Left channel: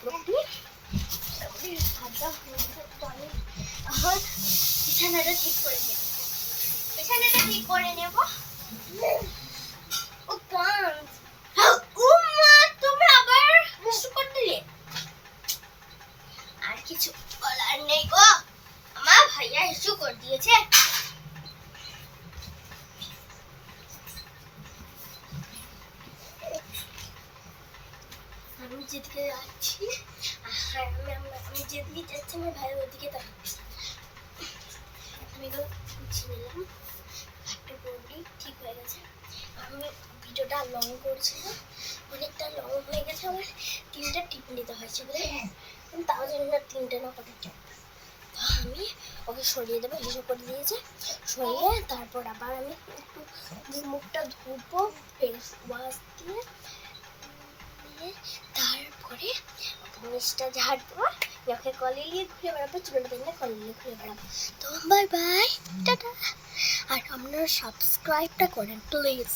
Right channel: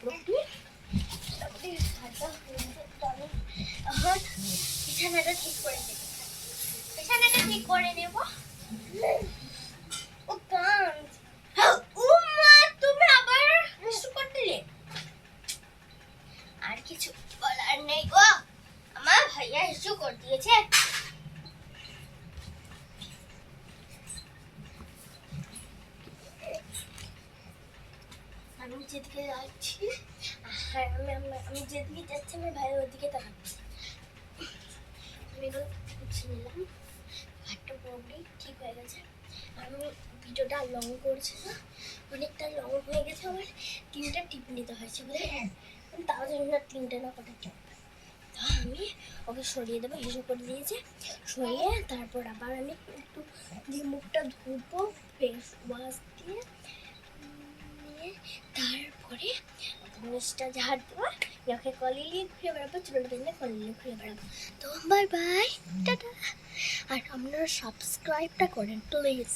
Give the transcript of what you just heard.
পুরোপুরি ভাজা হয়ে গেছে। তো আমি এখন বিছানাটা ঠিক করে নেব। বিছানাটা ঠিক করে নেব। ও পাঁচ ও মা, তুমি আবার কিছু করতে দিলে। আর কিছু বলার নেই গো, আমার ভাইয়া ইস্যু করে দিয়েছে। আমি যেদিকে যাচ্ছি, আমি যেদিকে যাচ্ছি আমার ভাইয়ের ওদিকে তাকাচ্ছি। আমি এগুলো গুছিয়ে নিলাম, একটা পুরোপুরি ঠিক হয়ে গেছে। আমি ভিডিওটা লং করছি না, অনেকটা লং হয়ে গেছে। আমার 3টা টিপ নিতে হয়েছে বলে, তাও জানি না 3টে না কটা টিপ। তো আমি ওকে সরিয়ে দেবো, হিসু করে দিয়েছে। সরিয়ে তারপর আবার আমি একটু যে মুখটা ধুবো ফেস ওয়াশ দিয়ে, তারপরে নিচটা ঝাড় দেবো, নাকে কলিয়ে ঘুরে বেড়াবো, চুলটা দিলে কলিয়ে ঘুরে বেড়াবো। তো বাই বাই, টাটা। আর আপনারা সাবস্ক্রাইবটা করেন প্লিজ।